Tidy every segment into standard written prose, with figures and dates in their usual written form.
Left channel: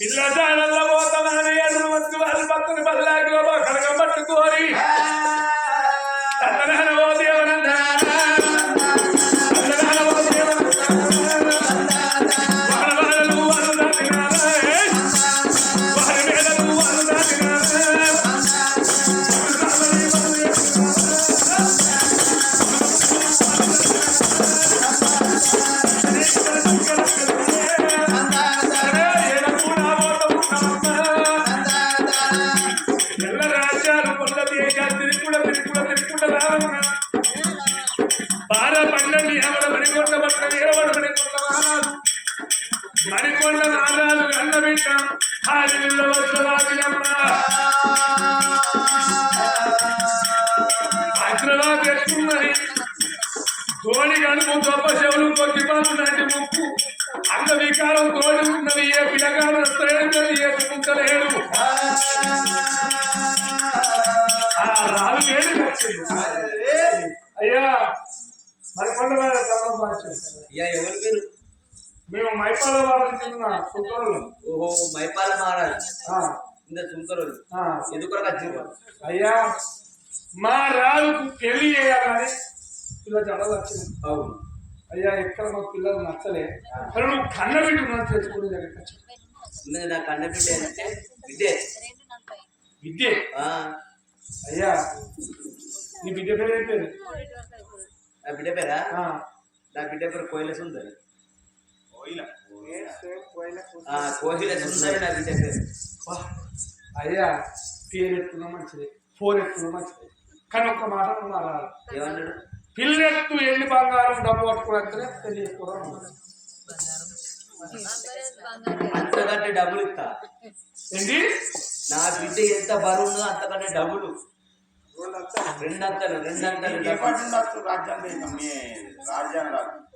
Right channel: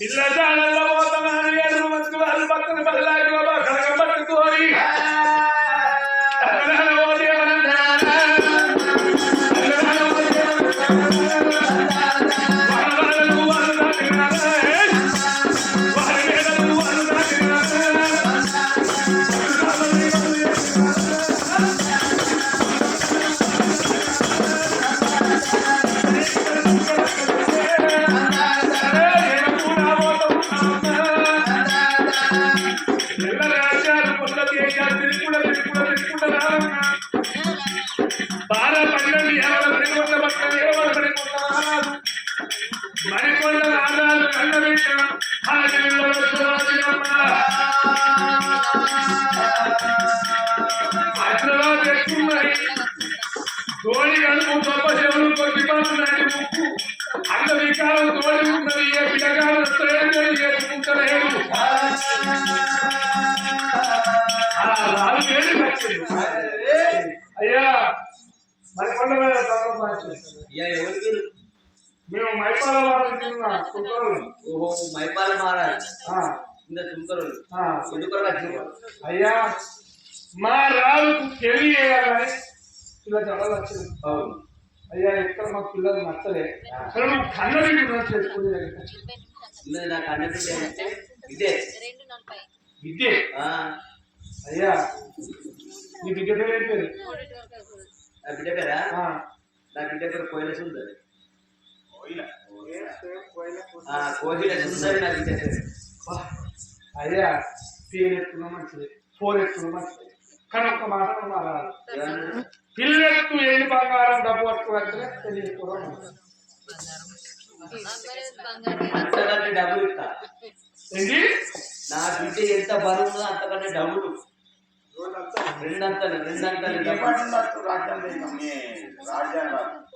పిల్లదానల్లో పోతామని ఎదురు మంచి వాళ్ళు పక్కన పల్లాకిలో కడగం పట్టుకోరి మణికొండ ఆదాలు కన్నబిట్ట హైదరాబాద్ ఎక్కున్నది తోడి కడుపు గొప్ప చెవులు కొద్ది పనులు లాంటి ముక్కు అంత వికారం తోడి ఉన్నది ఏ పిల్లగాడు ఏసుకుంటలేడు రాలు ఏడు వచ్చింది అయ్యా మణికొండ మేము మైపాల వారం కింద సుంకరులు. ఓహో మైపాల మహారాజ్ ఇంత సుంకరులు ఎందుకు అయ్యా మా రాజుకు పెళ్లి చేయాలని పిల్లలు చాలా వచ్చింది. అవును అయ్యా ఎక్కడ మాకు పిల్లలు నచ్చలే కానీ నువ్వు కన్నబిడ్డ చేసుకుని నా కన్నబిడ్డ విద్య విద్య అయ్యా నీ బిడ్డ పేరు ఏం పేరు? నా బిడ్డ పేరా? నా బిడ్డ పేరు కోయిల సుందరి. అయ్యా పేరు ఎత్తున్నా మంచిది, ఫోర్ ఎత్తున్నా మంచిది, కానీ ఒక్క మాట మారాలి. పిల్లెత్తు ఎండి బంగారం డబ్బు పట్టుకోవచ్చే తెలియకూడదు. అంతకంటే డబ్బులు ఇస్తా ఏంటి? నా బిడ్డ ఎంత బరువు అంతకంటే డబ్బులు రెండంతలు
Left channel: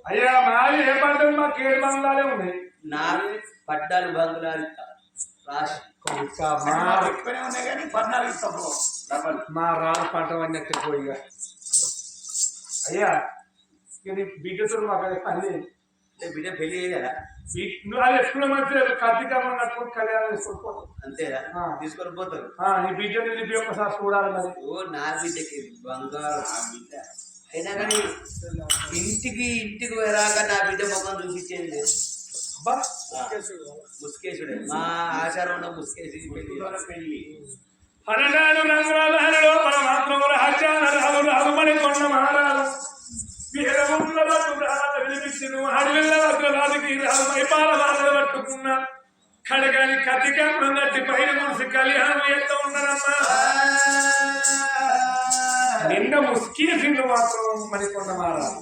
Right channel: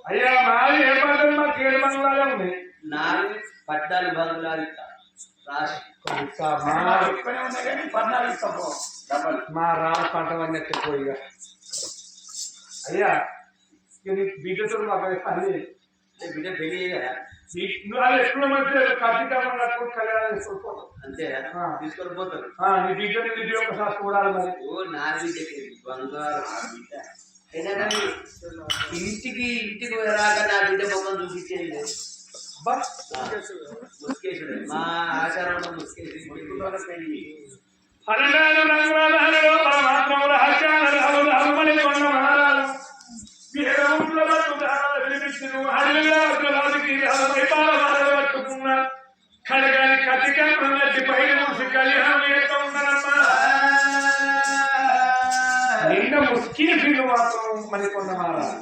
అయ్యా మాది ఏ పంటలు మాకు 7 బంగ్లాలే ఉన్నాయి. నాలుగు 14 బంగ్లాలు రాసి మా రాజు పంట అన్నట్టు పోయిగా. అయ్యా బిడ్డతో మాకు పని బిడ్డ పెళ్లి చేయరా? నువ్వు అది ఎప్పుడు మంచిగా కార్తీకమ్మ కట్టుకుని కళ్యాణం చేసుకుంటావు అంతేనా? తీసుకొని పోతారు. నీ బిడ్డని నిలిపి ఒకసారి చూడాలి మరి. ఓ నా బిడ్డకి బంగారు అయినా కానీ ఇంటికి రాగా నా బిడ్డ మొక్కం చూపించేది ముస్కేశుడు. మా ఆచారంలో ముస్కేసి పెళ్లి 12 రంగుల పరమాత్మముల హత్యాలు రాజుమణి కొండ మహారాజు వినిపించను అడవిలో రాజుకి మైపాల బాధలు పట్టుకున్న కడగాని కత్తికప్పుడు నట్టి పైన మూసి కళ్యాణం ఎంత ఉన్నారమ్మా. నిన్న ముస్కేసిండు మాత్రం మణికొండ మహారాజు.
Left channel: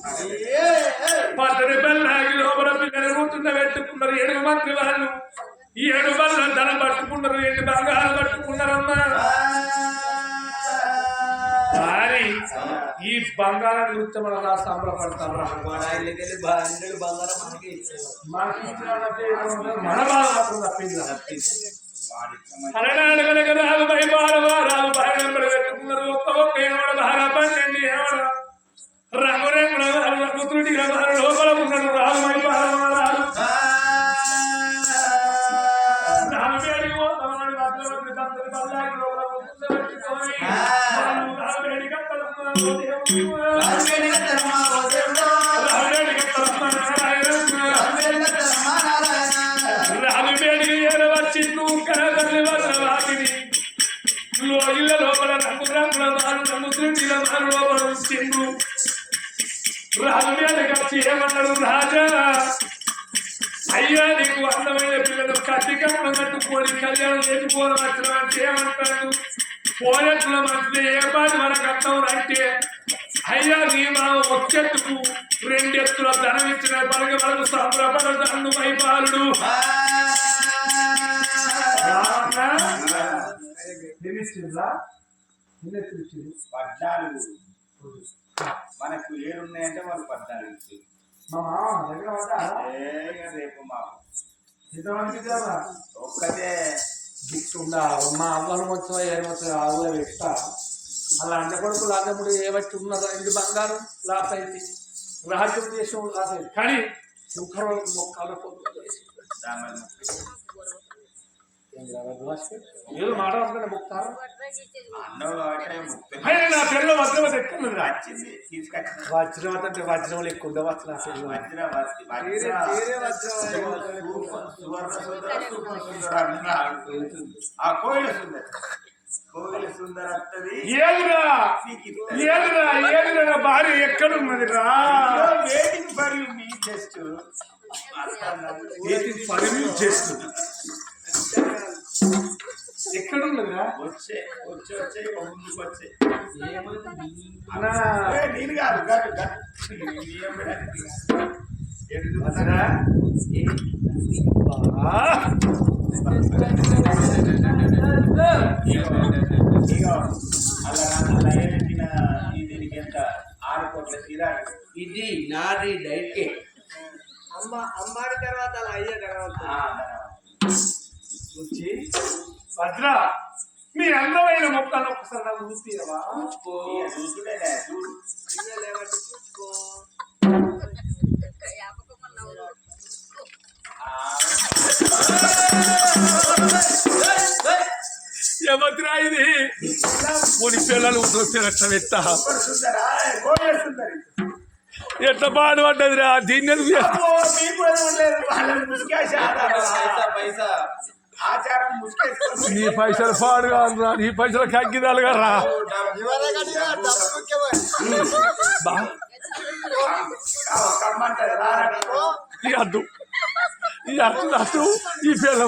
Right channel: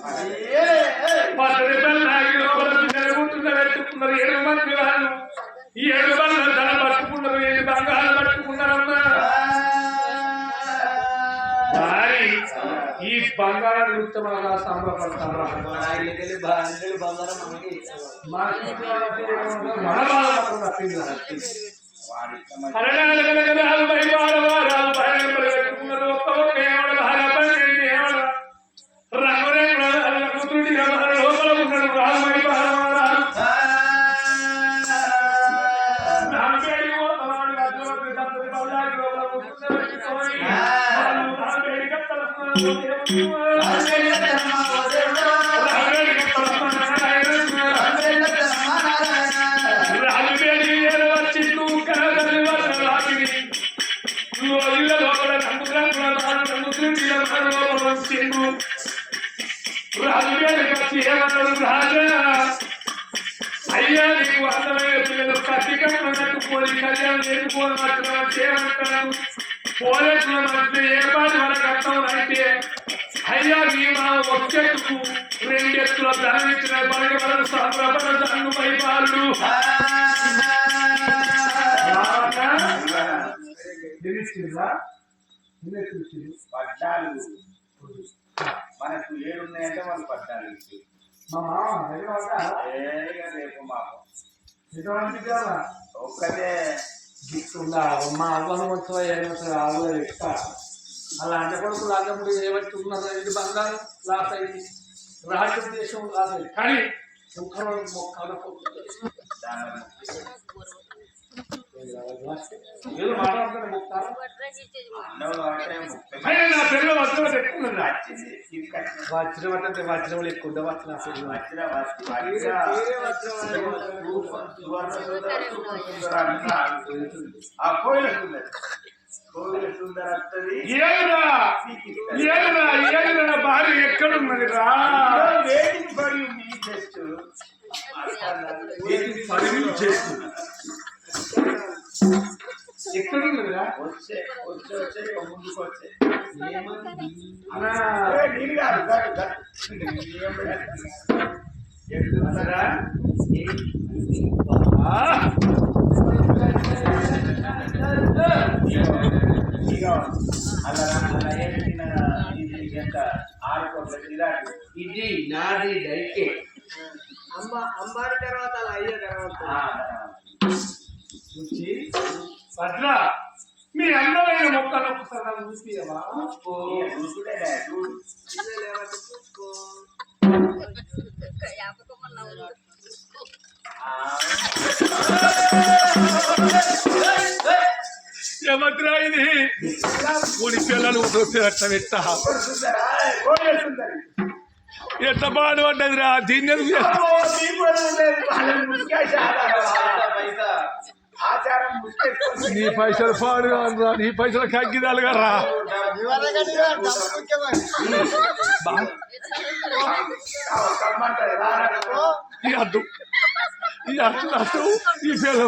పచ్చడి బెల్లాగి లోపల పిల్లలు కూర్చున్న పెట్టుకున్నారు 7 మంది వాళ్ళు. ఈ 7 బల్ల ధనం పట్టుకున్నారు, 8 బంగారం పట్టుకున్నారమ్మా. మరి ఈ బంగారాన్ని చూస్తే మన సంబరపడతారా? బంగారం మన బాధ మాత్రం తప్పింది. 14 రాజు రాజు భార్య పెట్టుకున్నారు. ఒక్క ఏమడ బాగా 12 ఏమడ రంగురేముడు కూతురుడి లోపల ఉన్నాడు రాజు మైపారాజు. రాజుపేడికి ఏడవచ్చిండు కనతల్లి వద్ద వాకిని ఇళ్ళ లోపల రంగురంగుల ముస్లింల లోపల వచ్చిండు. రాజుపేడికి వచ్చి ఏమన్నాడు? రాజా అయ్యా నీకు అందమైన పిల్లలు కత్తికమ్మ కట్టుకొని కళ్యాణం చేసుకోవడం వచ్చిన ఏమంటాడు? పోలెట్ల మధ్య ఏ పాటి మనకు అర్థం అయితే అయ్యా నీ మా ఒక్కెత్తుకు 2 ఎత్తుల ధనం ఇచ్చిన మనకి మనకు సంబరపడతాను మైపాలుడు. మనకు 7 ఉన్నాయంటే వాళ్ళు 14 ఇచ్చి మా మామ రేపు మాకు ఒక్కటే గిట్టుందా మా అవ్వను మొత్తం 7 మొత్తం ఆవులో ఇస్తా. అలా అంట కొడుకులు అన్నప్పుడు ఏబట్టి ఉన్నదో 2 బంగారం లాస్ అయింది, రాజ్యం దేశం లాస్ అయింది. కానీ మొక్కలు దామని ఏదో మాట్లాడుతున్నా ముక్తారు అన్నం కాబట్టి ముప్పై అయినా నా పిల్లలు వజ్రం ఎక్కువ వచ్చింది తీసుకొచ్చిన వజ్రం అంటే వజ్రం ఎక్కువ ఉండే వజ్రం అసలు సువర్ణ సుందర సూపర్ సుందర అన్నాడు ఆ కోయిల సుందర కోయిల సుందర వస్తుంది ఏదిరా భార్య ఎక్కడున్నదిరా waiting for you me just ఎక్కడున్నదిరా వచ్చే ముందుకు వచ్చే అలా నేను కాదు అసరా అలా ఏమిటిన దీనికి ఎంత 6 కోట్ల కిరాయి ఇది నాది డైకే అమ్మాడి తర్వాత అలా అయ్యే తర్వాత భద్ర మీ అందరైన మొక్కలు ఒకసారి నాకు చూపియవా చూసుడే చూడు ఇయ్యలేవట్టు చూసుకో ఏమద్రా ఇది పూని పిల్లలు చూసినట్టు పెట్ట ఎట్ట పాడుపడ్డదిరా దీన్ని ఆచారం నీ పైసలు పాడు కాదురా నీ పైసలు కగ్గిదాలు కదా అద్దు ఈ అర్థం ఈ పిల్లలు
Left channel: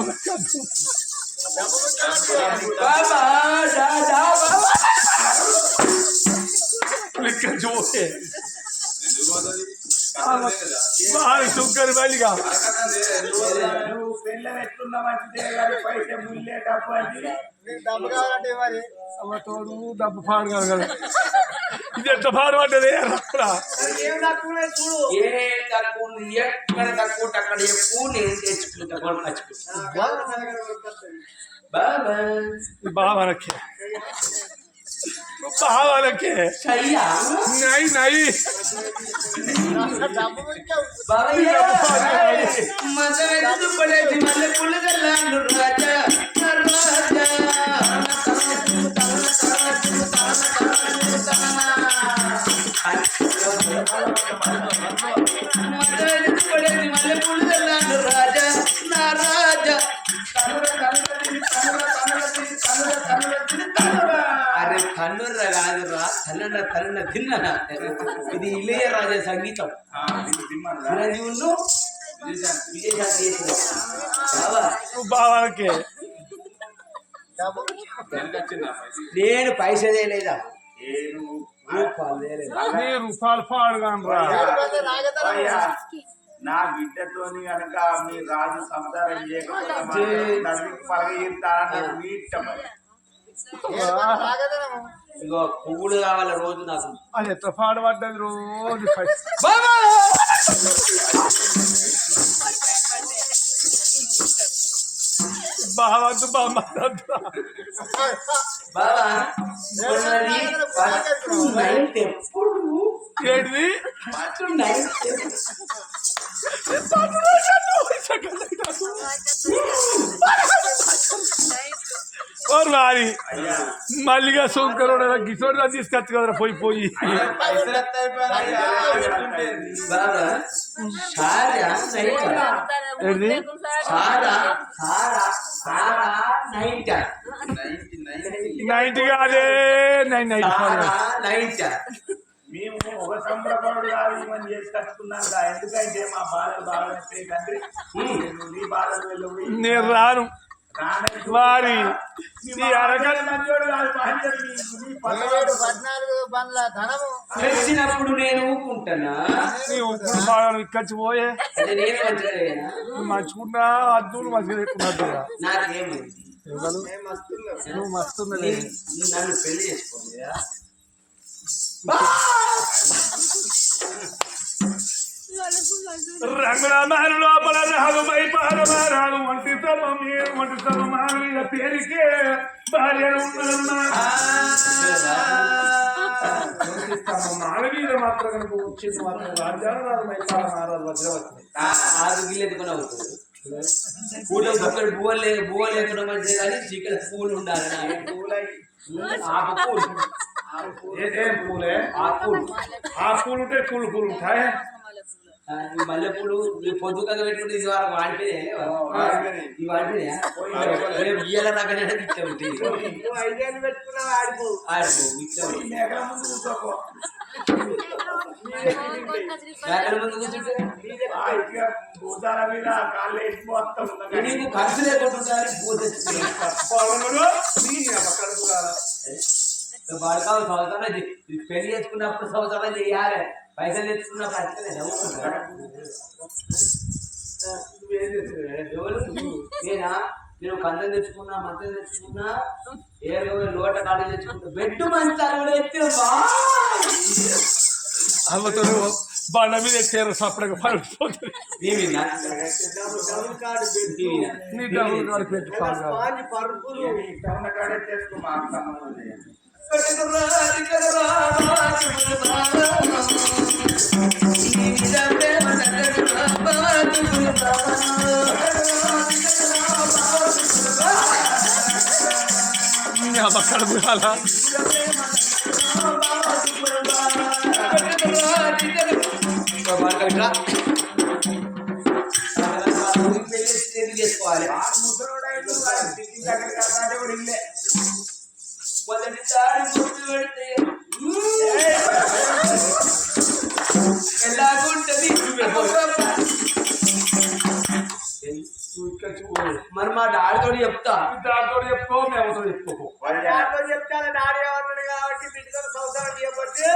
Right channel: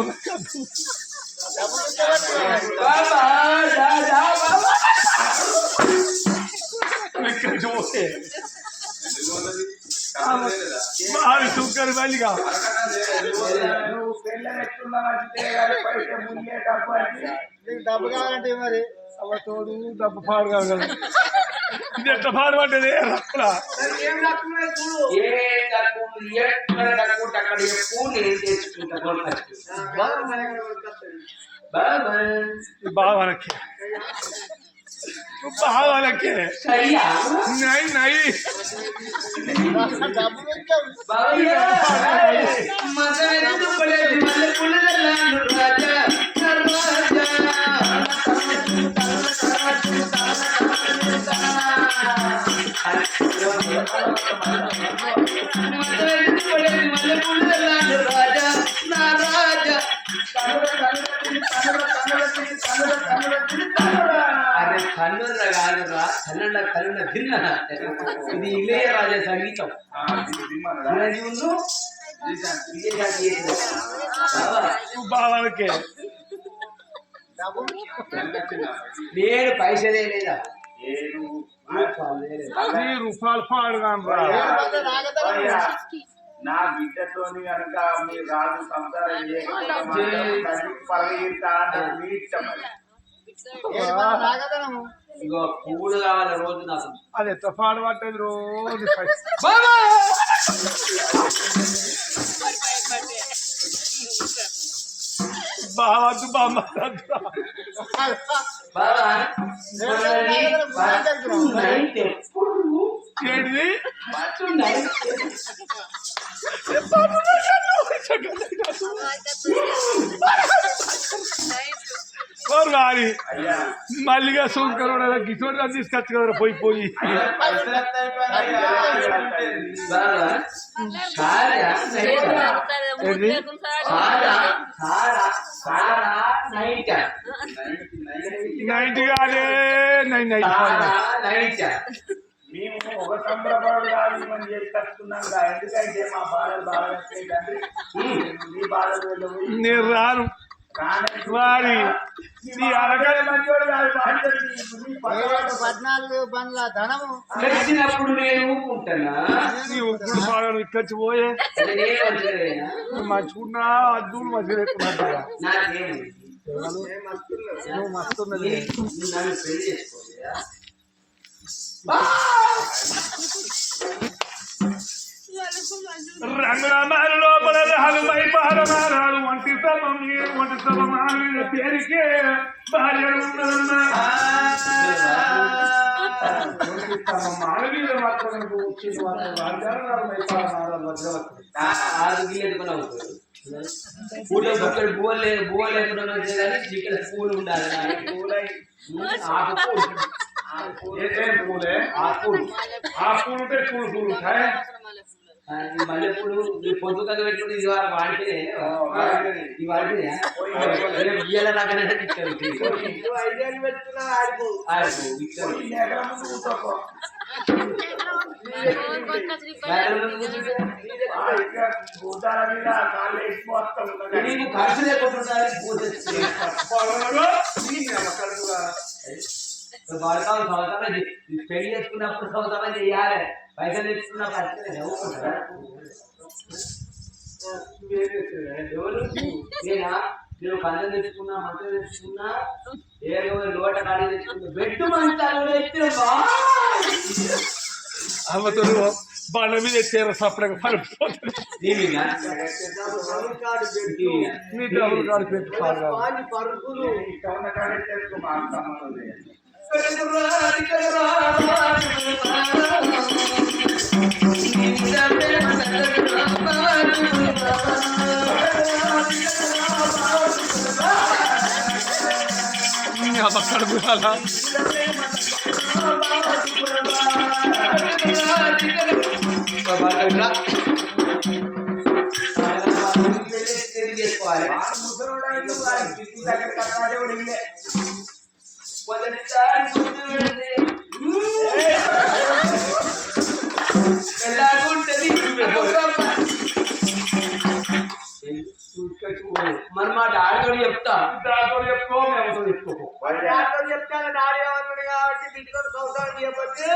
లెక్క చూసే సుక్కరి బయలుగా నువ్వు పెళ్ళని ఎట్లున్నా మంచిదే కానీ పైసే ముల్లే డబ్బు అంటే డబ్బు కావాలంటే మరి తోడు డబ్బు పాడు కాదు కదా ఇది ఎట్ట పాడు పడ్డదే ఏం తక్కువ చూడు ఏ తక్కువ ఎక్కడ తక్కువ అక్కడ ఎక్కువ నేను తెచ్చుకుంటా బాబా భావనకి భావనకి నై నై మదెందుకు పడేది మల్లె పుల్లదల్లాను రాజా రాజా మదెందుకు పడేది మల్లె పుల్లదల్లాను రాజా నా రాజా అరే కన్నుర్ర కాదురా కన్నుల తిన్న ఇది ఇళయరాజా సంగీతం భావనకి నేను పైసలే లేదా రూపాయలు పాడు నా బిడ్డతోని కనుక మీ రాజు సంసారం చేయకపోతే పలగీరుతా అన్నట్టు మీ ఇష్టం మరి ఇగో పువ్వులు కావాలి రోజు నాకు అది ఎట్లా పాడు పడ్డది రోజు బావద్దు బామ్మ బాబా నైట్ ఎప్పుడు ఏంటిది నైట్ వారి మల్లిగా శంకరుడు గిసోడు తీసుకొచ్చు కదా పోయి ఏంటి నైట్ కాదే మేము ఒక సంబరపడు కాదు మనం చేసి కట్టుకున్నాం ఎందుకంటే మా బాధలు బాగా తండ్రి నీ బాధలు వెళ్ళబోయి నేను రాను వారి తెచ్చినప్పుడు నేను ఊపుకుంటానా ఇక్కడికి పోయే నేను మంచిగా మంచుకున్నా అద్దులు మంచిగా నాకేమైంది నువ్వు మస్తున్నది నన్ను పెళ్లి చేసుకోండి రంగుల మారి లోపల రహలమై పాలమారాలు వంటి తమ పేరుకే భార్య మానవీయ మాత్రం వచ్చింది రాజ్యాలు 6 గిల్లెత్తుకొని అవుతాడు పూలు బుక్కలు బువ్వలు లేకుండా మంచిది కానీ చికెన్ పూలు ఉండాలి పూలై ఆకు పూలు ఏం పూలే ఆ పూలు ఆ పూలు ఉంటాయి పూలు పూలు ఉంటాయి ఈ మల్లెపూలు పొద్దుగా పెట్టుకుంటే ఇది వరకు వాడిపోయినాయి ఈ వాడిపోయినాయా రేపు ఇయ్యాల రాకనే ఇచ్చారు నువ్వు 5 ఏళ్ళు పెట్టుకున్నా ఆడిపో ఎకరం ముందు కూర్చోపో ఎక్కడ ముందు కూర్చుంటే భూతాల మీద కాళ్ళు వేసిపోతాం నీకు ఖర్చు లేకుండా బడకాలు సంవత్సరాలు పెళ్లి చేసుకున్నప్పుడు సంవత్సరాలు చేయాలి పైసలు తెచ్చుకున్నప్పుడు అట్లనే నవ్వుకుంటారా ఎవరు నేనా నేను కంచెం తెచ్చుకున్నా మంచం తెచ్చుకున్నా ఏరుగా లోట కాడి తెచ్చుకుంటా బెడ్ మంచాలు కూడా ఎత్తిన అమ్మతుడు బండ మీద ఎత్తారు సపరేట్గా పడిపోతుంది పరుపులు ఉన్న కాడే చేసుకో మాకు సంబంధం లేదు చేసుకోవాలి ముసలోడు దగ్గర కట్టాడే కూడా ఇల్లే మొదటిసారి గుర్తు పెడితే ఎలాగుంటది మరి మా డాడీతో చెప్తా దాంతో చెప్పుకో మేమతో చెప్పుకో దాంట్లో చెప్తాను డాడీ ఏమన్నాడు కాబట్టి బిడ్డతో సంవత్సరం చేయబట్టి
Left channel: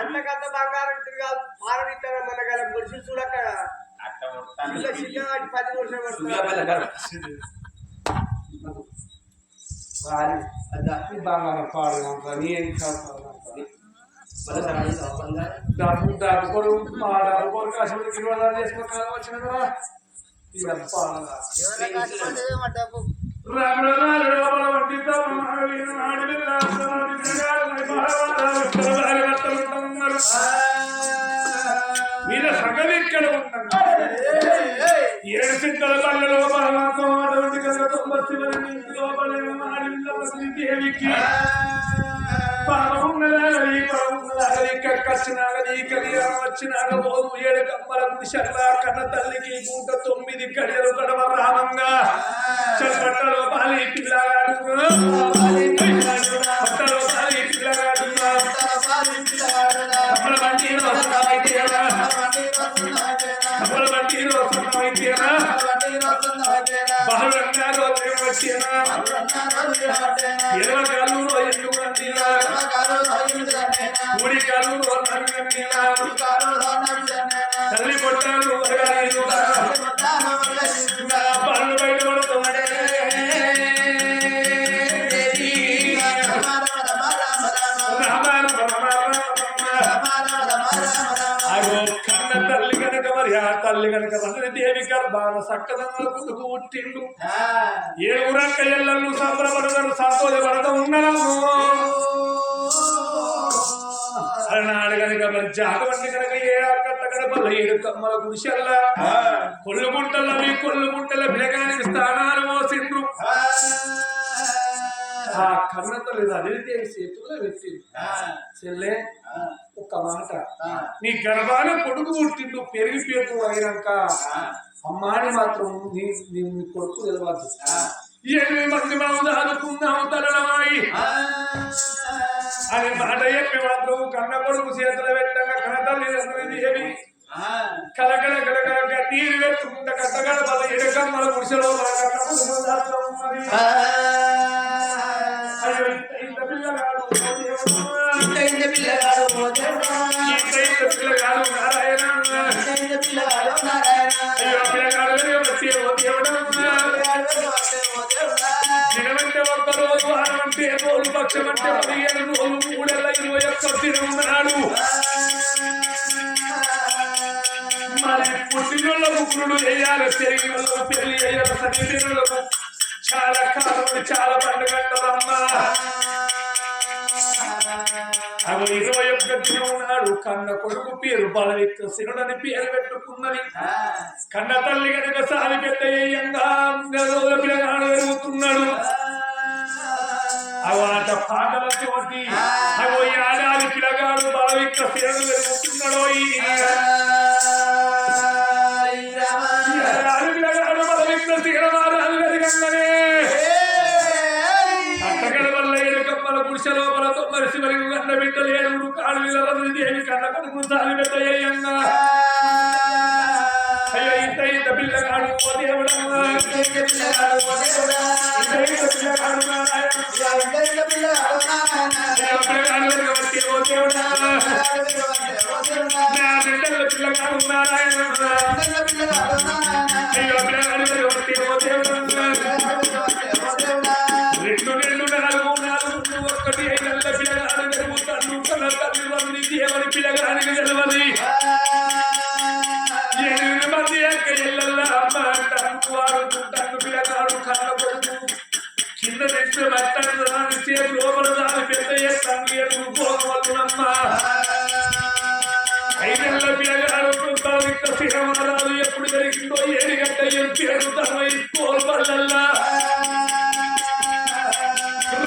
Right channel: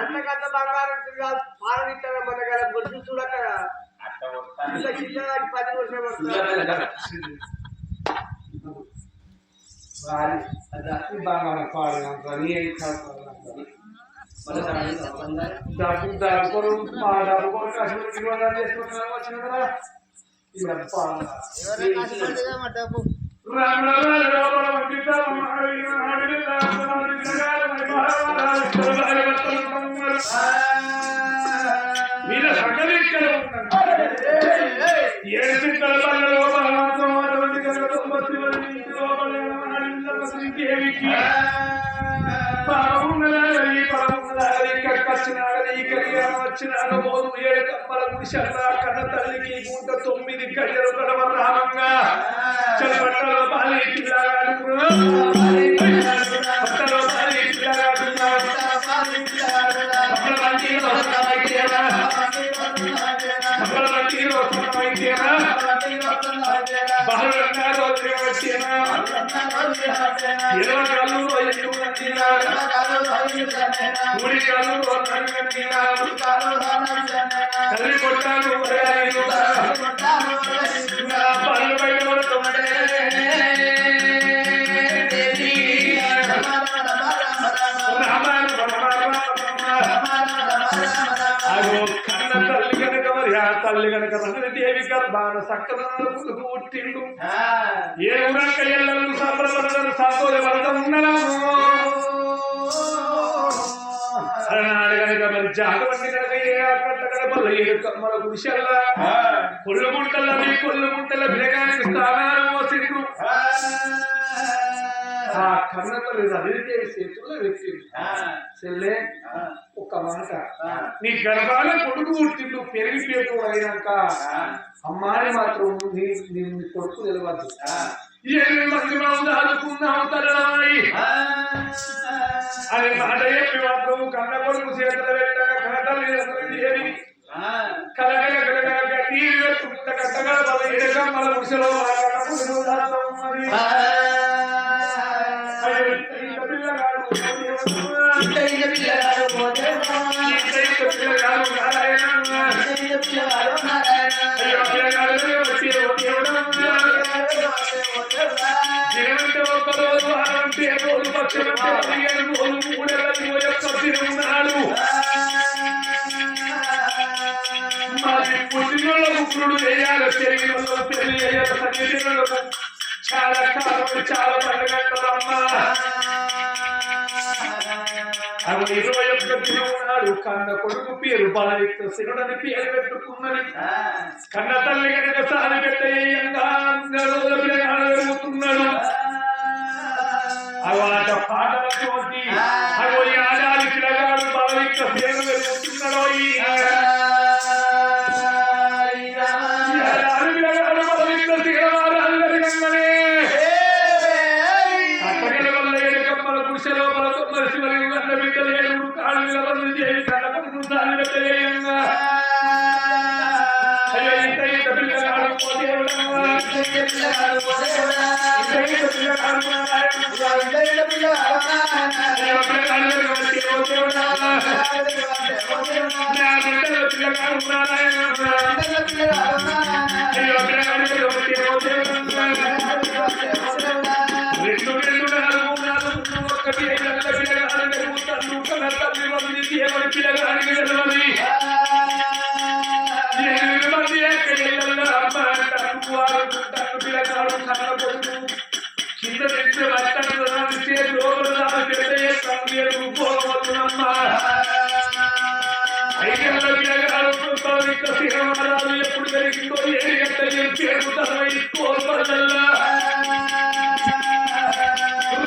అంతకంత బంగారం కాదు పాలనిస్తాను మన కదా గుడిసి చూడక ఇంకా చిన్నవాటి 10 వర్షాలు పడుతుంది బంగారం పాడు డబ్బు డబ్బు కొరు మా డబ్బు కొరు కష్టపడి 20,000 చేసుకుంటున్నా వచ్చిన కదా వీళ్ళ సగం ఇక్కడ ఉంటారు 7 సింతల పళ్ళ లోపల దేవికి వచ్చినాక పోదు 7 కమ్మల గుడిసెల్లా కన్న తల్లికి గుంట 9 గడియలు గడవ రామంగా చల్పట్టలో పాలి పిల్లగాడు పట్టలో పాలి పిల్లగాడు కమ్మల బండి కమ్మల బండి రోసన్నమైతేనా బహుళంగా రోజు వచ్చేనా 20 కాళ్ళు ఎందుకు నందినా కూడి కాళ్ళు నందినా తల్లి కొట్టాలు పళ్ళు బయట కొడుతుంటే అగో కన్న తల్లి కనుక మరి ఆ తల్లి కనుక దేవి గర్భాన సక్కదనాలు పుట్టుకు పుట్టిండు ఏ ఊరక్క ఎల్లళ్ళు సంబరపడతారు సంతోషపడతా ఉన్నాము అలనాడు కనుక మరి జాగవంటి కనుక ఏ కట్ట కడపల్ల 7 కమ్మల గుడిసెల్లా కొల్లు గుంటల బిలగానికి స్థానాలు మోసిండ్రు ఆ కన్న తల్లి రవిదేవి చేతుల్లో పెట్టిండు చెల్లె ఒక మాట నీ గర్భాల కొడుకు పుట్టిండు పెరిగిపోతూ అయినాక అమ్మాని మాత్రం నీ కొడుకు నిలవద్దు 8 మంది మనం దాదుకున్నాము తరలమాయి అని మాట చెప్పి మాత్రం కన్న కొడుకు చేతులు పెట్టగా కనతల్లి దేవి కలగల కలగల నీరు పెట్టుకుంటా కట్టగల వాళ్ళ 7 కమ్మల గుడిసెలో పిల్లగాడు నారాయణ అయ్యో పిల్లగాడు వచ్చి దినమంటే 1 రోజు వారమంటే రోజు పక్షమంటే 15 రోజు 3 నెలల 21 దినమున్నాడు మరి పుట్టినోళ్ళకు పురుడు చేయాలి పెరిగిన వాళ్ళకు పెళ్లి చేయాలి సన్నిధినులకు చాలా కాలం చాలా పండుగ అంటారమ్మా అవి 21 దినం నాడు కన్న కొడుకు పేరు బలవిక్రసుడని పేరు పెట్టుకున్నది. కన్న తల్లి కనుక సారి పెద్దయ్యంగా రోజుల పిల్లగాడు పెరుగుతున్నాడు. అవాట పాటలతోటి అగో ఏడాది పిల్లగాడు బలవిక్రసుడు పెరుగుతున్నాడో ఏడాది పిల్లగాడు బలవిక్రసుడు పెరగంగానే అట్టగడ వల్ల ఏడుకమ్మల పురుష లోపల తొమ్మరి శివరికి కన్న బిడ్డలు ఏడుగురు కాళ్ళు దేవి కన్న కొడుకు సారి పెట్టయ్యంగా అయ్యో ఇంత ఇంత పిల్లగాడు ఓ దేవుడమ్మా రెండు నాలుగు ఒకటి 5 పిల్లగాడు పెరుగుతాడు కన్న తల్లి మంది దేవుని పిల్లగాడికి తెలియదు. 8 మంది యొక్క ఇళ్ళల్లో అమ్మ అంటారు వాడుకుంటాను పిల్లగాడు కన్న కొడుకు కింద తెచ్చిన బట్టాన్ని చేతి లోపల దాని పెద్ద చేస్తాను ఏడుగు పోగవల్లునమ్మ 5 ఏళ్ల పిల్లగాడు శ్రీరామరాజు ఎప్పుడు జరిగిందో 7 గంటల పేరు తన కోల్పల్లల్లా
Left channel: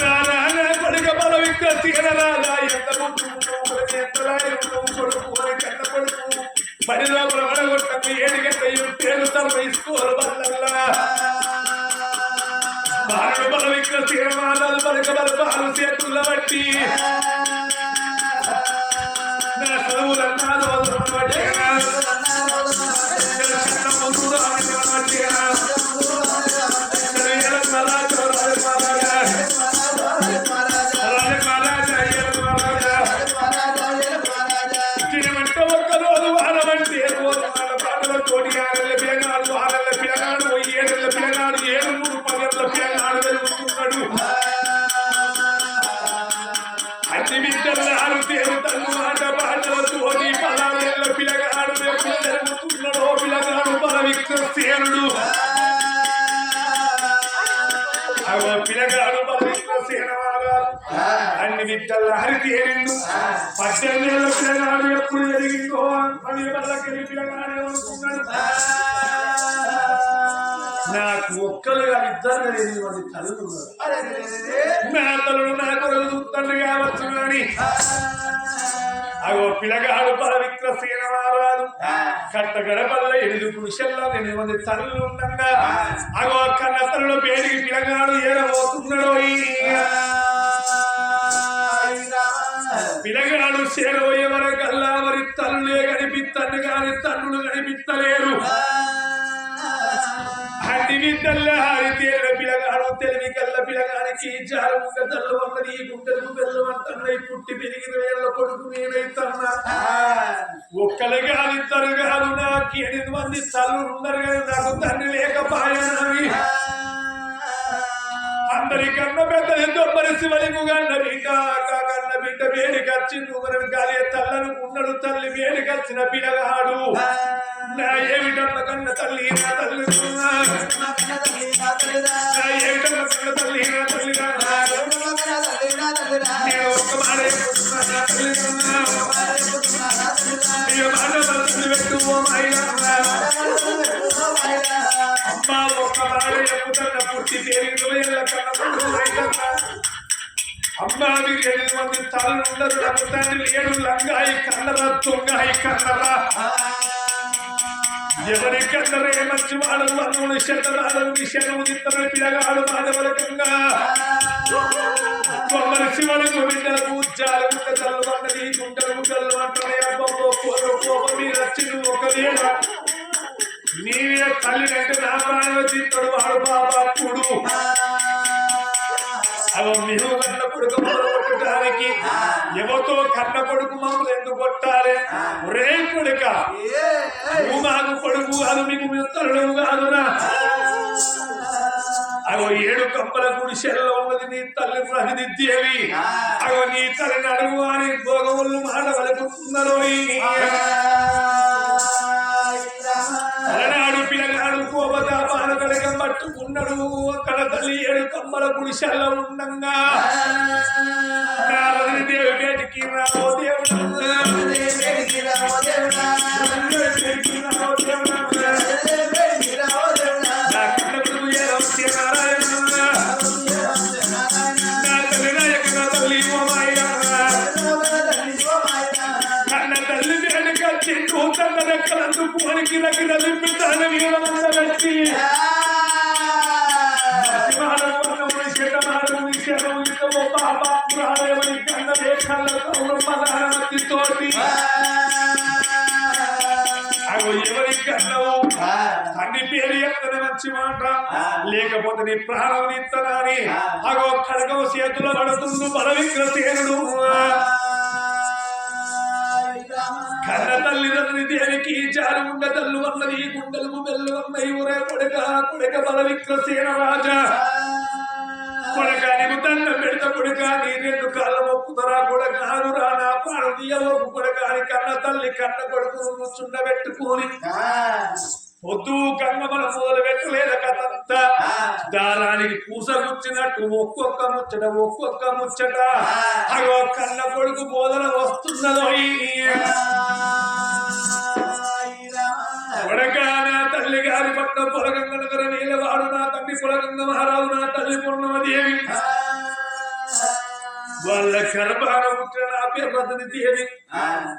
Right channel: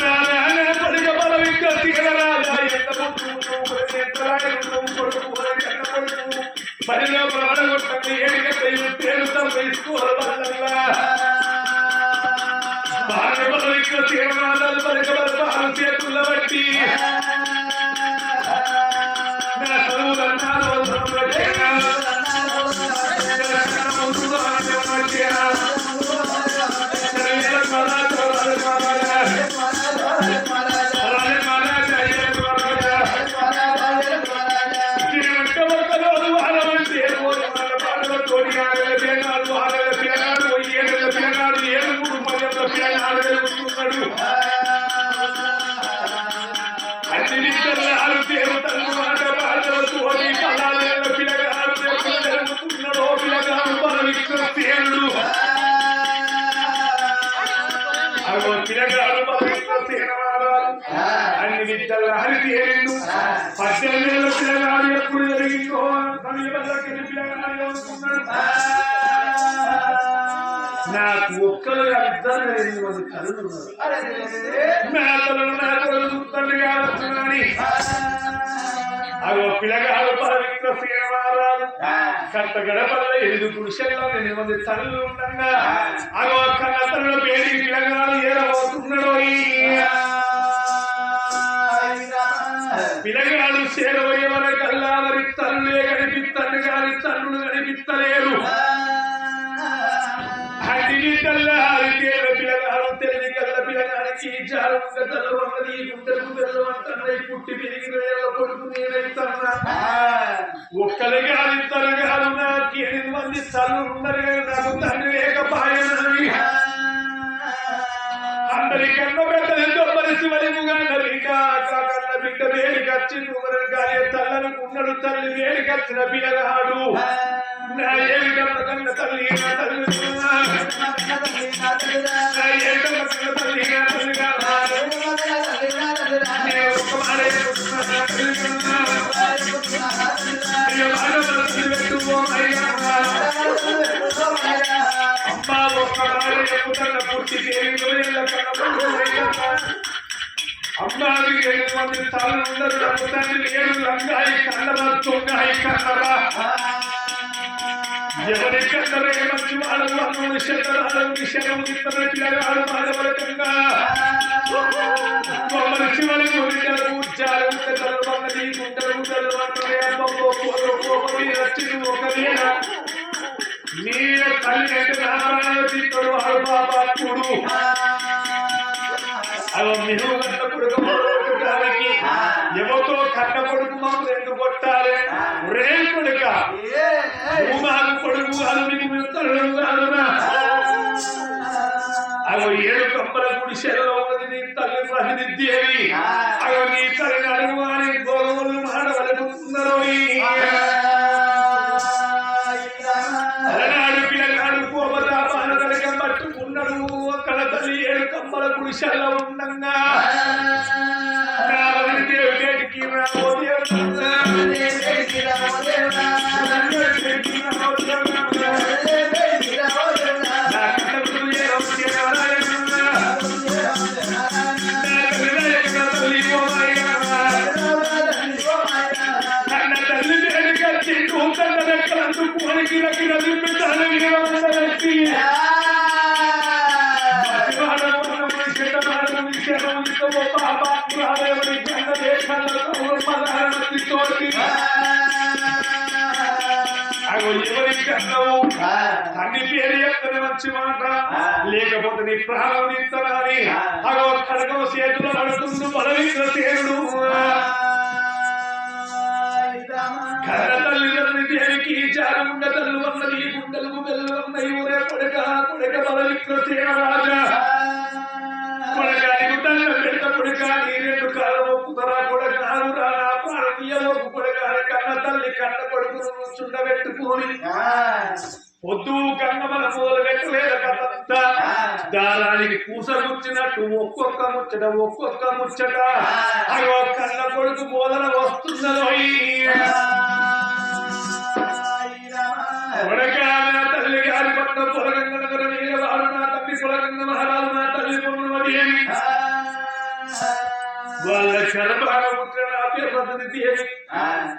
రానా కొడుక బలవిక్క తీరరాజా ఎంత కొడుకు కన్న కొడుకు పని లోపల వడగొట్టండి 7 గంటల పేరు తన కోల్పల్లల్లా బాలు బలవిక్క తీరరాజాలు బలిక బలపాలు చేతుల బట్టి నా చదువులన్నా వచ్చేనా పిల్లగాడు 7 3 పిల్లగాడు జరుగుతున్నాడు. అన్ని విద్యల్లో ఆరు తల్లు మాట పాటలతో పదాలేళ్ల పిల్లగాడు జరుగుతున్నాడు. పిల్లగాడు బలవిక్రసేనుడు అగో పిల్లగాడు బలవిక్రసేనవారాలు అన్ని విద్యల్లో హరితేరిండు. 18 ఏళ్ల పిల్లగాడు ఎప్పుడు జరిగిందో 10 వల్లకెళ్ళి పిల్లగాడు అనుకున్నాడు. నాకు ఒక్కరుగా 2 మంది తల్లులు ఉన్నారు. నా తల్లులు నా కొడుకు చూస్తాను కావచ్చు కానీ అగో పిల్లగాడు బలవిక్రసేనవారాలు కట్ట గడపల్ల 8 పురుషుల్లో 8 మంది తల్లులు ఉండగా అగో కన్న తల్లుల పేరుకి పిల్లగాడు ఏరబోతున్నాడు. పిల్లగాడు చేరబోయే వరకల్లా మరి తల్లులే కనిపిస్తాను కానీ తల్లులు కనిపిస్తలేరు. అన్ని విద్యల్లో హరితేళ్ల పిల్లగాడు తెలివి కల్ల పిల్లగానికి జారు తల్లు అన్నది గుండెలకు బెల్లం అంటున్నాయి. పుట్టి పెరిగిన వేళ్ళ కొడుకు నేనైతున్నా. ఒక్కరు కాదు 2 కాదు నాకు 8 మంది తల్లులు ఉన్నారు కానీ నాకు తండ్రి లేకపాయనని అందరికన్నా పెద్దది తొమ్మరి శివలింగు కన్న బిడ్డ కన్న బిడ్డ వేడికి వచ్చిండు. మనం గాలి తల్లనుకున్నాడు. తల్లి వేడికి వచ్చిన పిల్లగాడు నా ఏమిటమ్మ కన్న తల్లి నా తల్లి ఏమిటమ్మ కన్న తల్లి నా తల్లి నేను ఒక్క మాట పెట్టు అమ్మా ఒక్క మాట చెప్పుతున్న పుట్టి పేరు అమ్మా 8 మంది తల్లు ఉండరు. నాకు తండ్రి లేడు. లంగాయి కన్నరా తొంగాయి కన్నరా ఎవరి కన్నరే మంచి వాడు అన్నుని శతరాడు శనము ఇతర పిల్లగాడు మానవరకంగా కొమ్మరి శివలకు బిడ్డలకు ఉచ్చాలు తల్లు అన్నది గుంటలు గుడ్డలు అంటున్నాయి. అమ్మమ్మో కోపం మీద వచ్చింది. ఒకవేళ నీవే తల్లినంటే నా ప్రాణాలు తీస్తాడు వాడు బాబాత్ముడు. అవి మేము కన్న కొడుకు కొట్టడానికి ఎవరితో కన్న కొడుకు మమ్మల్ని ఎందుకు కొట్టాలి? రే కొడుక నువ్వు మాకు కొడుకు కాదు మీకు మేము తల్లు కాదునా. అగో 7 కమ్మల గుడిసెల్లో ఉన్నది నీ తల్లి ప్రతినిధ్యేవి. అగో నీ తల్లిని అడుగు అని భోగములు మాడవలుకుతున్నారు. అలనాడు పిల్లగాడు కోపతాపాలు కనుక పట్టుకున్న ఉన్నాడు అక్కడ తల్లి 7 కమ్మల గుడిసెల్లో ఉండంగా దేవి బేటికి రావో దేవుడు నా కన్న కొడుకు ఏదో తల్లి కన్న తల్లి వేడుక చెట్టు కన్న రెక్కలందుకు మనకి రగిన దింపితాను వీరవందబెట్టి తోటి అగో ఎవరి కన్నావు తండ్రి పేరు చెప్తానే మంచి మాట లేకపోతే నీ ప్రాణం నిత్తనాని అగో ఖడ్గం చేతులు పడుతుండు బలవిక్రసేనుడు కన్న తల్లిదండ్రుని దేనికి జారు ఉండ తల్లు అన్నది గుండెలకు బెల్లు అన్నది ఊరే కొడక కొడక బలవిక్రసేన రాజా కొడకానికి దండ పెడత కొడకాని 2 కాళ్ళ మొక్కుతరా కొడకానురా నా ప్రాణం తీయవకు కొడకాని కన్న తల్లి కన్న కొడుకును చుండబెట్టుకొని పొద్దు కన్నమల మొదలు పెట్టలేదు కథంతా దారానికి పూసగుచ్చినట్టు ఒక్కొక్క ముచ్చట అగో కన్న కొడుకు బోధన వస్తున్నదో కొడకాన తల్లి గారి పట్ల పొలగంగ నగర నీలవాడు నా తల్లి పొలగంగ మహారాజు నా తల్లి పూర్ణమదేవి వాళ్ళ శరభాన పుట్టిన నా పేరు రతనిదేవి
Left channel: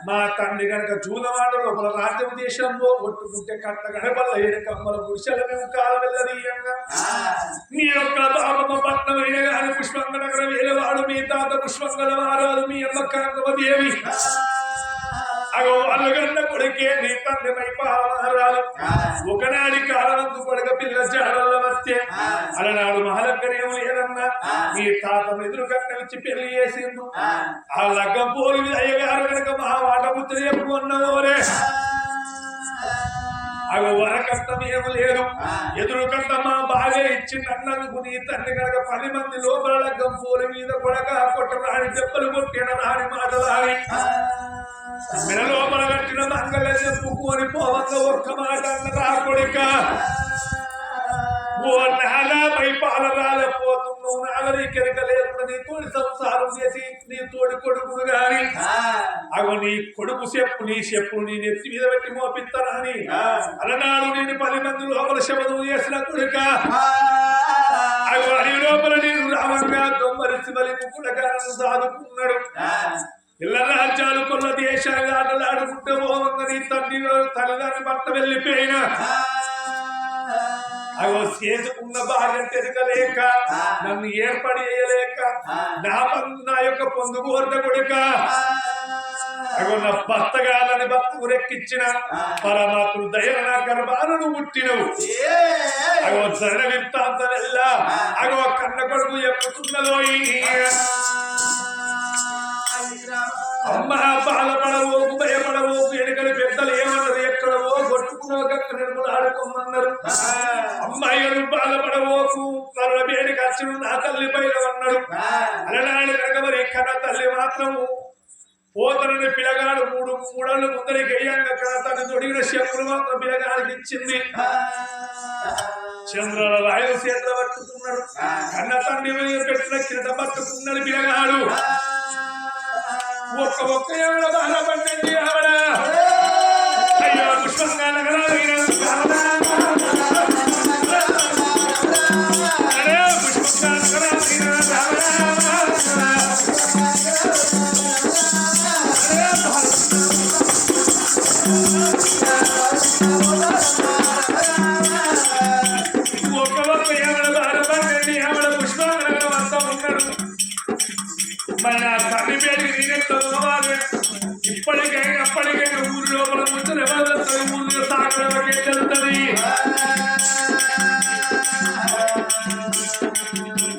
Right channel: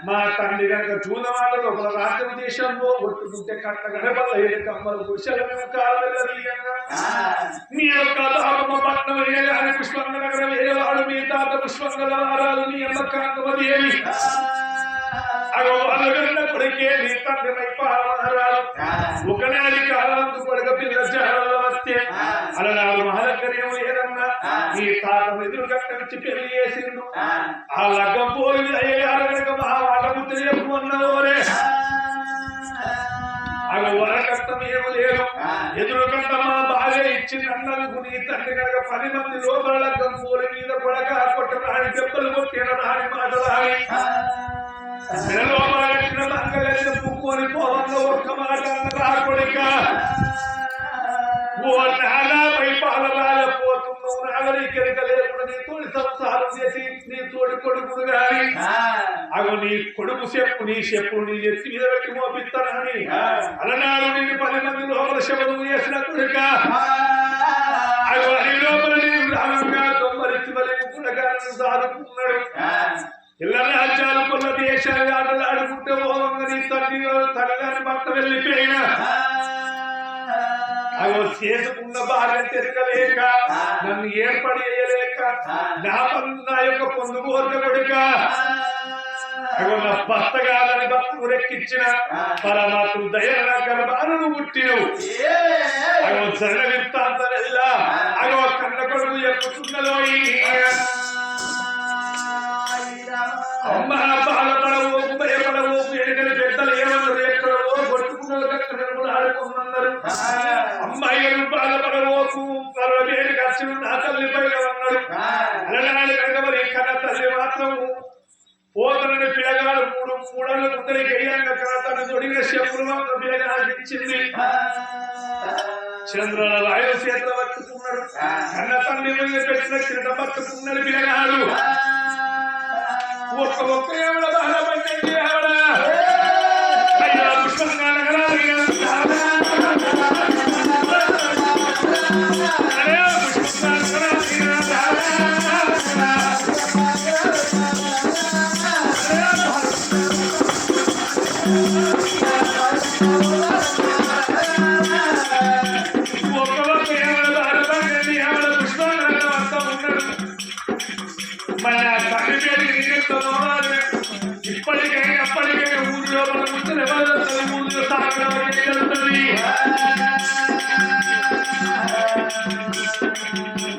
మా తండ్రి గనక జూదమాట లోపల రాజ్యం దేశంలో ఒట్టుకుంటే కట్ట గడపల్ల 7 కమ్మల పురుషుల మేము కాలవెల్లదీయంగా మీ యొక్క బాబమ్మ పట్నమైన గారి పుష్పంగ నగర వేలవాడు మీ తాత పుష్పంగల వారాలు మీ అమ్మ కాంగమదేవి అగో వాళ్ళగన్న కొడుకే నీ తండ్రి మైపాలమహారాలు ఒకనాడి కాలవంతు కొడుక పిల్ల జాడల్ల వస్తే అలనాడు మహలక్కనేమో లేదన్నా నీ తాత ఎదురు కట్టనిచ్చి పెళ్లి చేసిండు ఆ లగ్గం పోలి అయ్యగారు కనుక మా వాట ముద్ర చెప్పు అన్నవోరే అగో వరకట్టం ఏమో లేదు ఎదురు కట్ట మా బాగా ఇచ్చింది అన్నందుకు నీ తండ్రి కనుక 10 మంది లోపల లగ్గం పోలి మీద కొడక కొట్ట రాని దెబ్బలు కొట్టిన రాని మాటలాగి మెడలోపల కట్టిన మంగళ చెప్పుకొని పోవంగా ఒక్క మాట అన్నదా కొడుక ఓ నాలాపై పాలరాలపోతున్నావు నాగరికరిక లేకుండా నీ తోడి సంసారం చేసి నీ తోడి కొడుకును గాని అగో నీ కొడుకు నీ చెప్పులు నీ నెత్తి మీద పెట్టి మోపిస్తానని అలనాడు నేను 10 మంది లోపల శబదం చేసిన కొడుక అగో అడివి లోపల నేను రామంగా దొమ్మరిసి బలి ముక్కుడగాను సాదుకున్నాడు ఇళ్ళ రాజ్యాలు కొన్న దేశాలు ఆటలాడుకుంటే పోవంగా నీ తల్లిదాన్ని భర్త వెళ్ళిపోయినా అగో చేసుకున్న భార్య తెరకలేక నన్ను ఏర్పడి చేయలేక నా యొక్క పొందుకోర్త కొడుక అగో నా భర్త కాదని భర్తకు రెక్కించిన పరమాత్మ దయన నా గర్భాలను పుట్టినవు అగో జరణ విత్తాంతం వెళ్ళా అగో కన్న కొడుకు చెప్పుతున్నదో అమ్మ బాధపడవోకు భయపడవోకు ఎనకని పెద్దలు ఏమన్నారు ఎక్కడవో కొట్టుకున్నావు కక్కడలు ఆడుకోమన్నారు అమ్మాయిలు బాధపడవోకు వేడి ఖర్చులు నా తల్లి పైన అన్నాడు అలనాడు కనుక మరి కన్న తల్లి మాత్రము పోతనని పిల్లగాడు 3 మూడళ్ళు ముందరికి అయ్యంగా తను తొడిగిన చెప్పులు మాత్రం పిల్లగాడికి ఇచ్చింది చంద్రుల వాయువు చేతులు పట్టుకున్నాడు కన్న తండ్రి పెట్టిన కిరట పట్టుకున్నాడు పిల్లగాడు ఒక్క ఎవడ బాధపడ్డండి ఆవిడ అయ్యో పుష్పంగా నగరాలు పుష్పంగా ఒక్క ఎవడ బాధపడ్డండి ఆవిడ పుష్పంగా నగరం అంతా ఉన్నాడు మరి నా తండ్రి పేరుకి నేనెంత పోవాలి ఇప్పటికైనా ఊరి లోపల ముందు ఎవరు ఊరిలో సాగలకే తెలుస్తుంది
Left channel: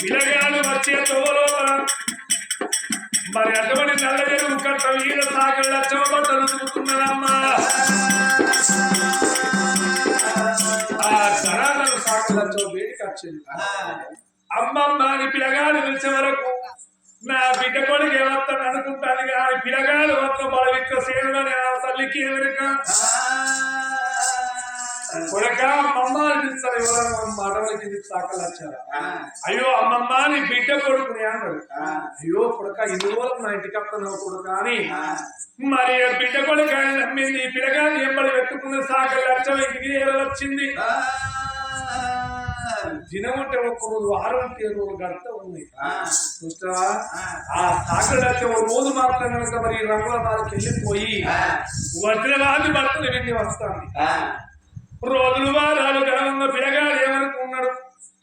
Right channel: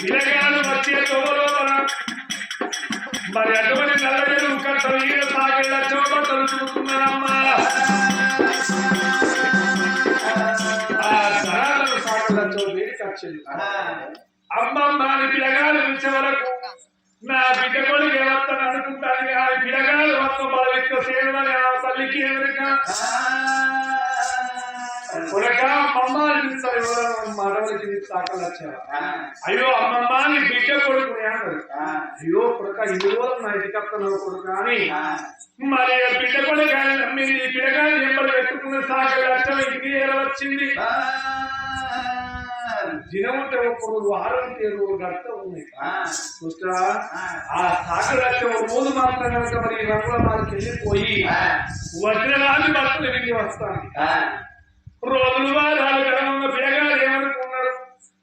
పిల్లగాడు వచ్చే తోలోపల మరి అటువంటి నల్ల చెరువు కట్ట వీర సాగళ్ళ చోబట్టలు చూస్తున్నారమ్మా ఆ తరాలను సాగళ్ళ చో వేడికి వచ్చింది అమ్మమ్మ అని పిల్లగాడు పిలిచే వరకు నా బిడ్డ కొడుకు ఏమవుతాను అనుకుంటాను కానీ పిల్లగాడు మొత్తం బలవిక్క సేనుడని ఆ తల్లికి ఎదురుక కొడక అమ్మమ్మ పిలుస్తారు ఎవరైనా మాటలకి సాకలు వచ్చారా అయ్యో అమ్మమ్మ నీ బిడ్డ కొడుకుని అంటారు అయ్యో కొడుక ఇన్ని రోజులకు నా ఇంటికి వస్తున్నావు కొడుక అని మరి బిడ్డ కొడుకు అని నమ్మింది పిల్లగాని ఎంబడి పెట్టుకున్న సాకలు వచ్చావు ఇంటికి వచ్చింది దినం ఉంటే ఒక్క రోజు వారం 7 రోజులు గడుతూ ఉన్నాయి చూస్తావా ఆ సాకలు వచ్చే ఒక రోజు మాత్రం కనుక మరి రంగుల మాలకి వెళ్ళిపోయి వజ్రరాజు భర్తలు వెళ్ళి వస్తాను రోజులు వారాలు గడవంగా పిల్లగాడు ఏమనుకున్నాడు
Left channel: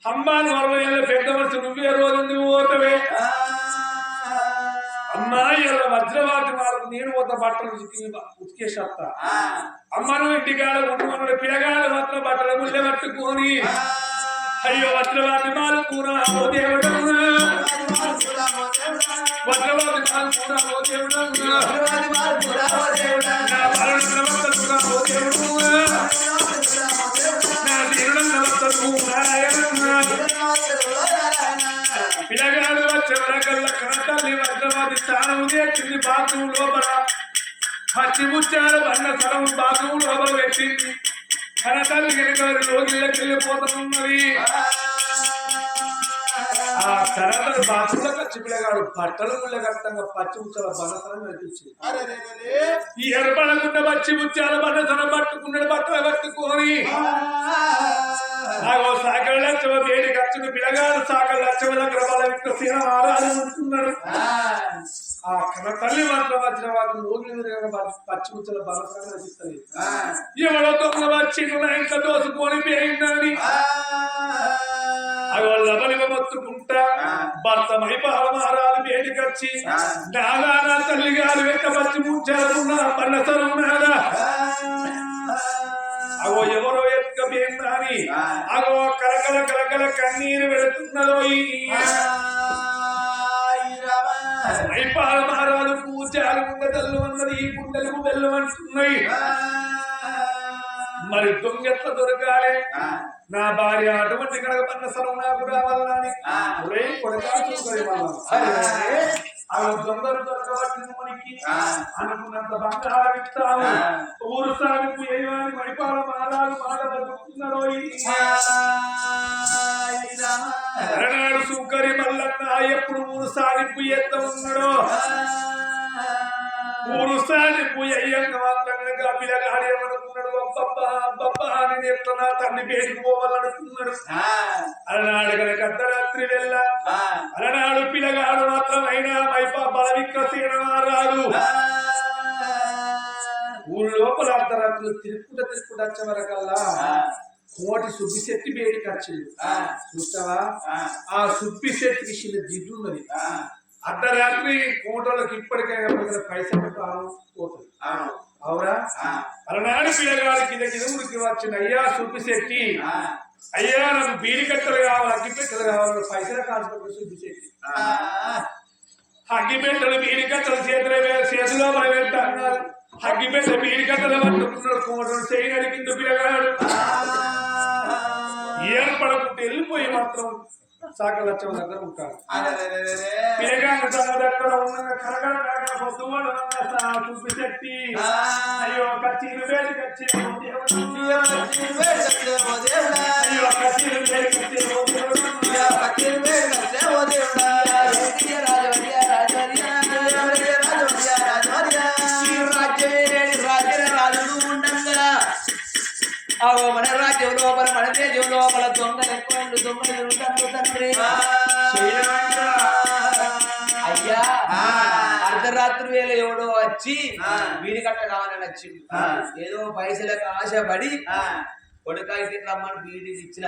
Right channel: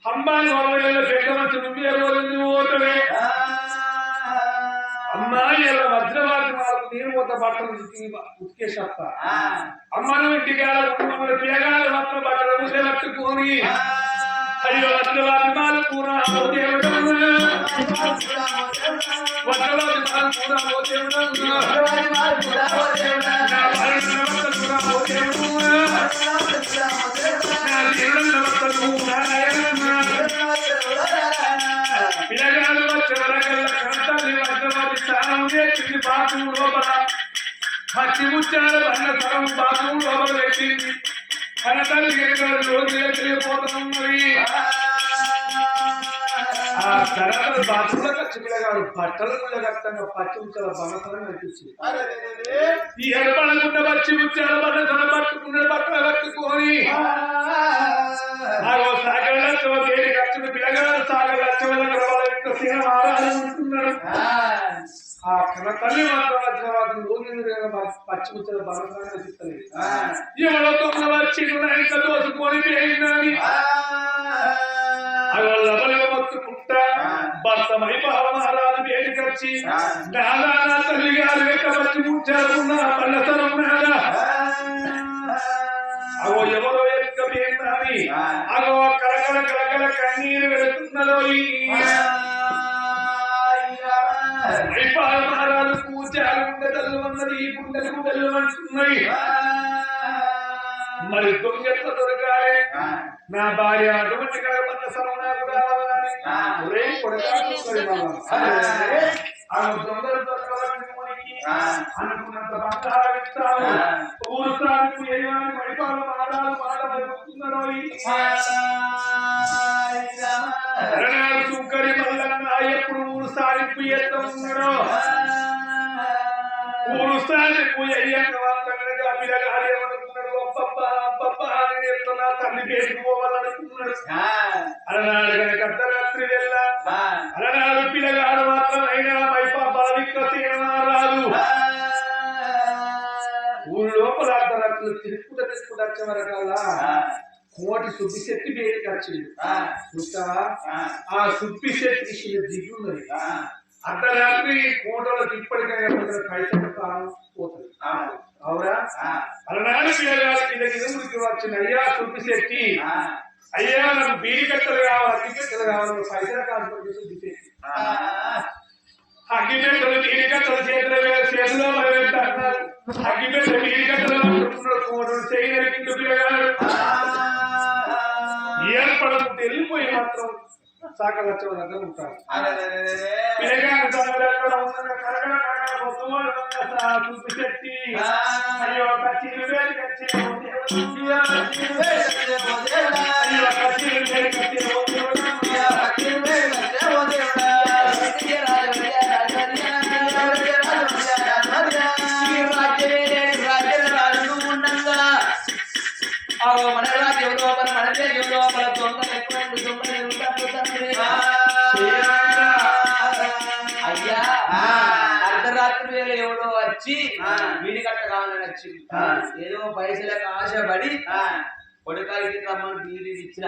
అమ్మాని వరల పెద్ద మనిషి నువ్వే రోజు నువ్వు పోతవే అమ్మాయి ఎలా వజ్రవాది వాళ్ళకు నేను పోత బట్టలు ఉతికేసేస్తా అమ్మ నువ్వు ఇంటికాడ ఉంటున్నాడు పిల్లగాడు మాత్రం బట్టలు ముళ్ళే పట్టుకొని అయ్యో వజ్రవాది మాలు కూర ఓ దేవుడు వజ్రవాది మాలు కూర ఓ దేవుడు నా బాలుడు కూర ఓ దేవుడు నా దేవుడు నారాయణ పిల్లగాడు వచ్చేవరకల్లా కనతల్లి వజ్రవాది స్థానం చేసింది బాత్రూమ్ లోపల పచ్చిముచ్చారు అన్న స్థలం బాత్రూమ్ లోపల పెట్టింది కనతల్లి కనుక లోగిళ్ళకి వెళ్ళిపోతున్నది ఆ తర్వాత బాత్రూంలో ఖర్చు పిల్లగాడు బట్టలు ముళ్ళ కట్టంగా పచ్చి ముచ్చాల బనసరం కనిపించింది ఈ ఎడబడకుండా పచ్చి ముచ్చాల బనసరం పట్టుకున్నాడు బట్టలు పట్టుకొని సాగర్ లక్షవ వేడి ఖర్చును పిల్లగాడు సాగర్ లక్షవ దగ్గర వాళ్ళ యొక్క సీన ఆరాధన ఉంటున్నాడు ఆ కన తల్లి మాత్రం వచ్చిన వాటిని లోకి పచ్చి ముచ్చల బలసంగా రచిస్తుంది ఎవడో దొంగ వచ్చి ఎంత దోసుకొని పోయిందని వాళ్ళ బలివ మొత్తుకుంటా భర్త మైపాలమారాలు వేడికొచ్చి నానా తల్లి గారు వెంట పచ్చి ముచ్చారుకున్న బల్లసరం నాదా అగో ఎవరో ఎత్తుకపోయిందని అగో కలకల కలకల కన్నీరు వెళుతున్నదో మైపాల మహారాజు పూజాలు గుండెలు అన్నది ఈ గుండెలకు వెళ్ళమంటున్నాయి మరి దొంగెట్ల దొరకాలి నా భార్య అటువంటి కడగబడిన సరం నాకు రావాలని ఒరే కొడకాడు ఆ దొంగలు దొరకబట్టిన మనకి అనుకున్నంత బంగారం ఇస్తావు ఊరు సాగుకు ఏమని మైపాల మహారాజు మాట జరుగుతున్నాడో అరనాడు సుంకరి మల్లన్న ఎప్పుడు ఊరు సాగింపు ఎత్త ఉన్నాడో ఊరు సాగింపు అయ్యాక మాత్రం కనుక పిల్లగాడు ఏమనుకున్నాడు అబ్బబ్బా అబ్బబ్బా అని ఎట్లా తల్లి పేరుకు పోవాలనుకున్నాడు అలనాడు కనుక అర్ధరాత్రి వెళ్ళ అలనాడు పిల్లగాడు మాత్రం అయినా మైపా బలవిక్రసేన రాదు ఊరు లోపల అర్ధరాత్రులు తిరుక్కుంటూ వచ్చే వరకల్లా కోటి సుబ్బిశెట్టి వేడికి వచ్చింది చూస్తావా ఆ సుబ్బిశెట్టికి చిన్న దిగ్గు ఉన్నది అర్ధరాత్రి కోటలకు ఇప్పటికైనా పైసలు కాలం పోతుంది అవునా అలనాడు పిల్లగాడి కింద ఊరికి వచ్చిన అయ్యా సుబ్బిశెట్టి అయ్యా నాకు బీడి కట్టలు కావాలి అగ్గిపెట్టెలు కావాలి పైసలు కాల్చుకుంటే సుబ్బిశెట్టి అగ్గిపెట్టెలు బీడి కట్టలు చేతిలో పెట్టన్నారు అగ్గిపెట్ట బీడి కట్టలు పట్టుకున్నాడు కోటలు చేయని కింద పిల్లగాడు ఏర్పడకుంటే వెళ్ళిపోయి మాత్రం సాక లక్షల దగ్గర ఉంటారు పిల్లగాడు ఎక్కడ ఉన్న కరగడ కరగడ పొద్దువాడు చూపిశెట్టి అయ్యో కచ్చీలు వేడి కచ్చే అయ్యో కచ్చీలు వేడి కచ్చే మన రాజ్యం లోపల మన దేశం లోపల దొంగలు ఎక్కువ దొంగలు తండ్రి అయ్యా అర్ధరాత్రి వేళ ఎవడో వచ్చి వీడి కట్ట కావాలని వచ్చింది ఏదో పైసలకు ఆశపడి కొడుకాకి రమ్మని బీడీ ఇచ్చిన